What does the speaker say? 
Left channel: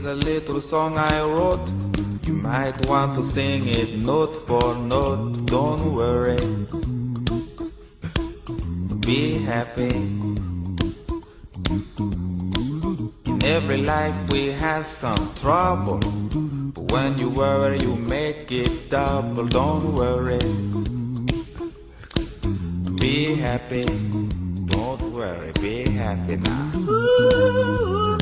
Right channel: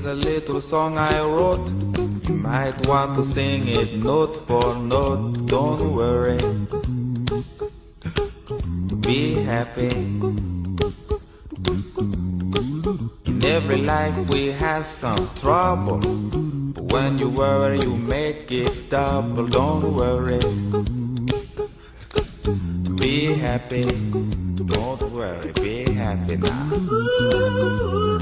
is a little song I wrote. You might want to sing it note for note. Don't worry, be happy. In every life we have some trouble, but when you worry you make it double. Don't worry, be happy. Don't worry, be happy now.